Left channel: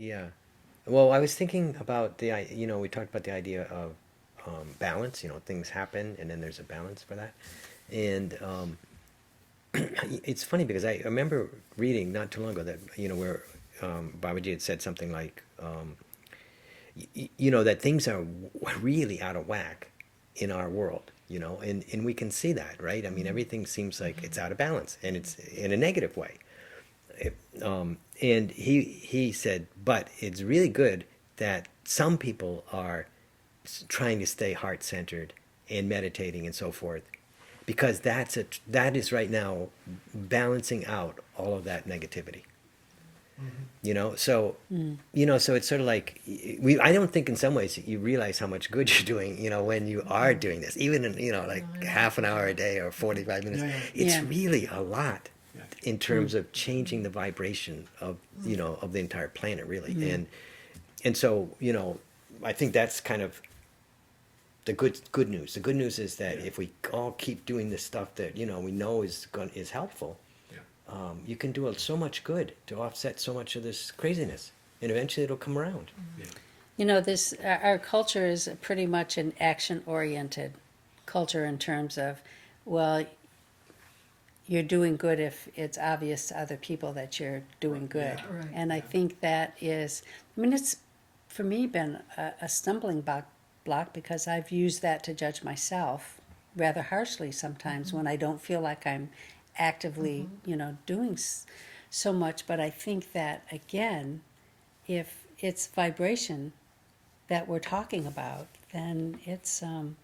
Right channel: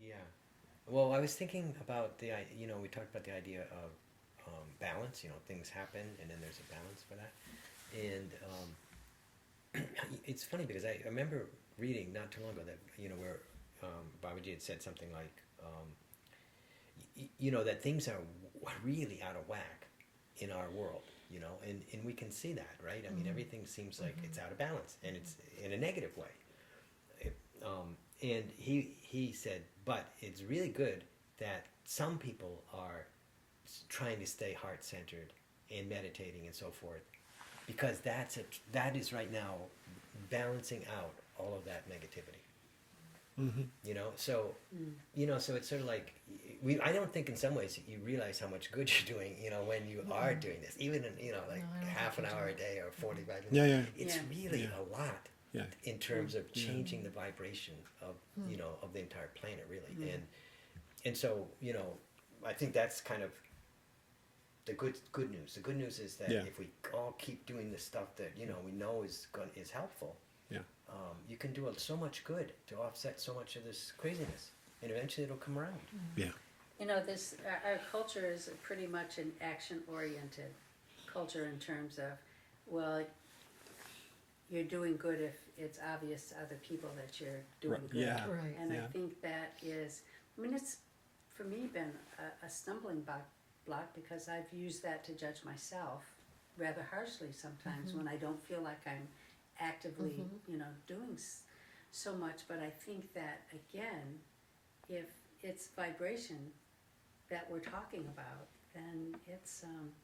Yeah. Well, I was thinking about we talked about the idea of balance. Things happen, and then there's a balance for that. And it's funny because I remember reading not too long ago that where Babaji had said something like that things are really out of whack in our world. And we can see that, right? I mean, everything seems like it's out of balance, and it's in a negative way. And he said, but it's really good that some people are trying to stay heart centered and meditating and so forth, because that is right now balancing out all of that negativity. Mm-hmm. So so it's sort of like I don't think in some ways you realize how much good you're doing, when you are doing this, even in No, like I know half what an you're hour a talking. day or 45 minutes. Yeah, yeah, It's Yeah. really a lot yeah. in terms of changing the vibration of of the entire planet, really. And so I think that's kind of the good news. The good news is that Yeah, if we all keep doing this stuff that we know is helpful, yeah, you can do so much good to offset so much of this craziness, and eventually it'll come around. yeah, This our culture is pretty much an action-oriented culture in terms of, well, you're doing good if it's obvious to other people that you're doing Right, good. yeah, Right. yeah. And I think that is, it's for me been a stumbling block because I've used that to judge myself rather harshly sometimes when I don't feel like I'm actively, doing so much. But I think that, again, if it's vibration that we're talking about, then it's and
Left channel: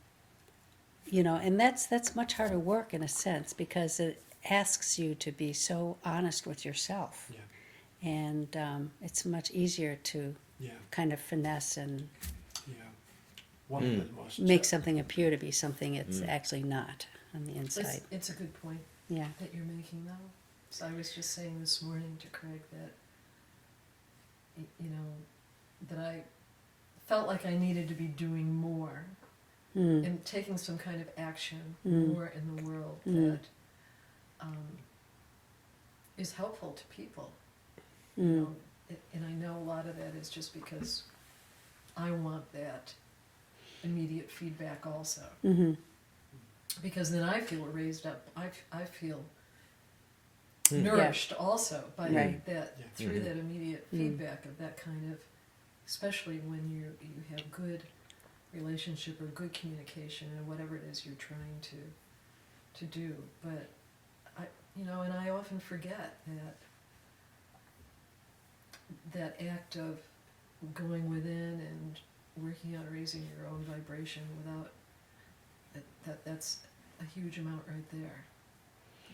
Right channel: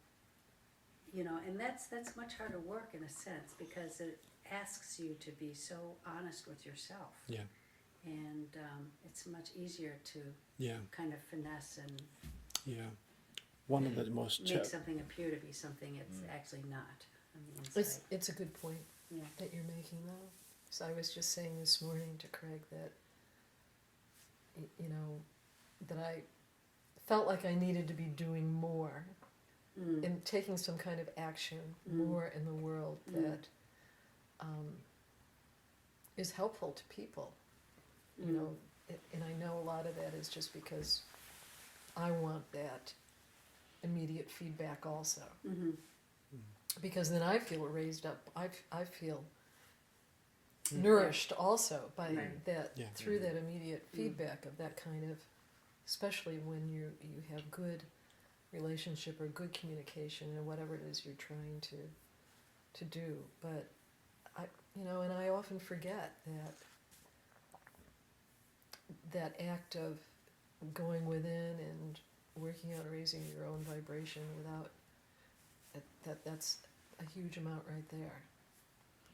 that's much harder work in a sense because it asks you to be so honest with yourself, Yeah, and it's much easier to yeah, kind of finesse and yeah. One of the most make something appear to be something it's actually not on the Mm. inside. It's a good point Yeah. that you're making, though. So I was just saying this morning to Craig that, that I felt like I needed to be doing more Mm. and taking some kind of action Mm. more in the world Mm. that is helpful to people. Mm. And I know a lot of that is just because I want that immediate feedback also. Mm-hmm. Because then I feel raised up. I feel Mm. nourished also by Right. that Yeah. through Mhm. that immediate Mm. feedback of that kind of, especially when you have good relationship or good communication and whatever it is you're trying to do. But and I often forget that act of going within and working on raising your own vibration without that's a huge amount right there,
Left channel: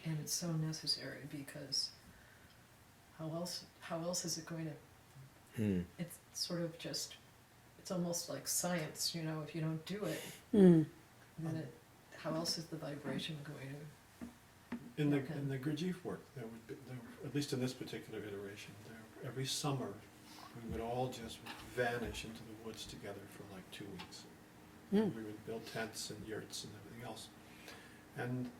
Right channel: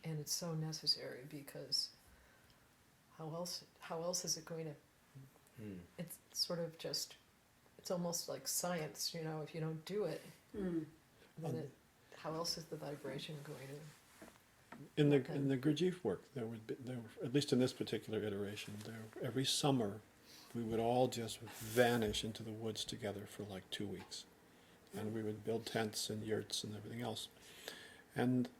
and it's so necessary because how else is it going to? Mm. It's sort of just, it's almost like science, if you don't do it, Mm. then how else is the vibration going to? in the Okay. in the Gurdjieff work. At least in this particular iteration, every summer we would all just vanish into the woods together for like 2 weeks. And we would build tents and yurts and everything else. And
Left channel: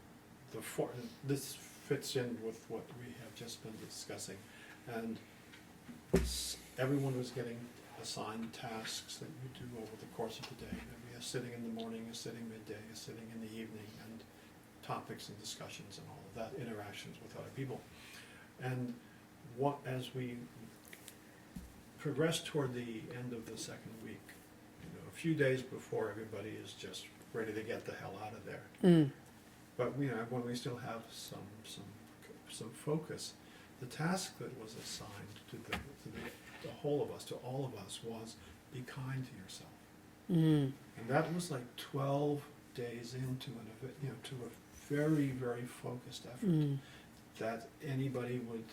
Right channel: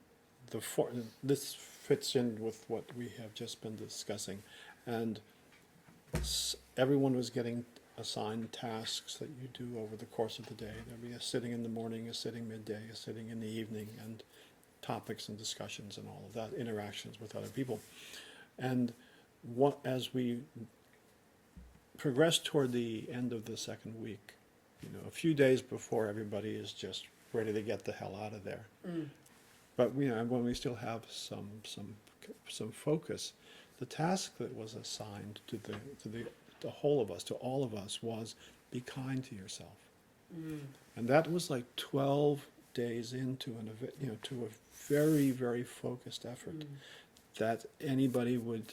this fits in with what we have just been discussing. And everyone was getting assigned tasks that you do over the course of the day. There'd be a sitting in the morning, a sitting midday, a sitting in the evening, and topics and discussions and all of that, interactions with other people. And as we progressed toward the end of the second week, a few days before everybody is just ready to get the hell out of there. Mm. But when we still have some focus, the task that was assigned to the whole of us, to all of us, was be kind to yourself. Mm. And that was like 12 days into to a very, very focused effort Mm. that anybody would.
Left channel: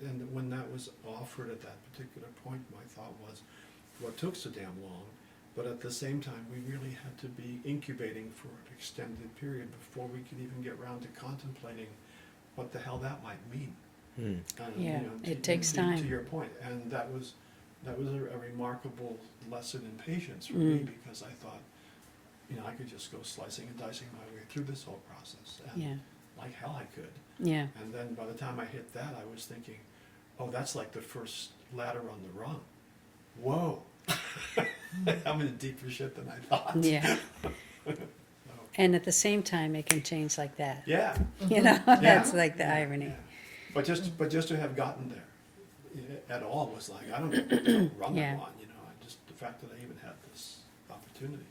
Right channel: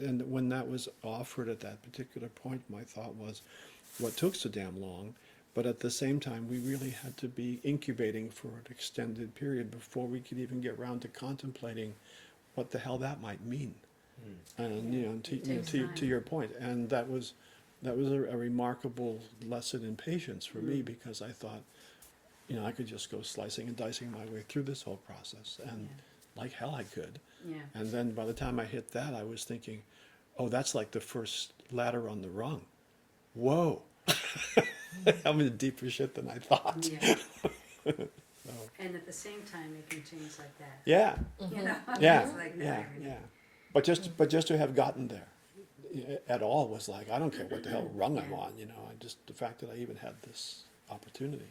And when that was offered at that particular point, my thought was, what took so damn long? But at the same time, we really had to be incubating for an extended period before we could even get around to contemplating what the hell that might mean. Mm. And, Yeah, it takes time. To your point, and that was a remarkable lesson in patience for me, because I thought, I could just go slicing and dicing my way through this whole process, and Yeah. like hell I could. Yeah. And then by the time I hit that, I was thinking, oh, that's like the first ladder on the rung. whoa, I'm in deeper shit than I thought. Yeah. So, And at the same time, it can change like that. yeah. You know, Yeah. that's like the Yeah, irony. yeah. But just to have gotten there at all was like, I don't care what the hell rung Yeah. I'm on, you know. The fact that I even had this opportunity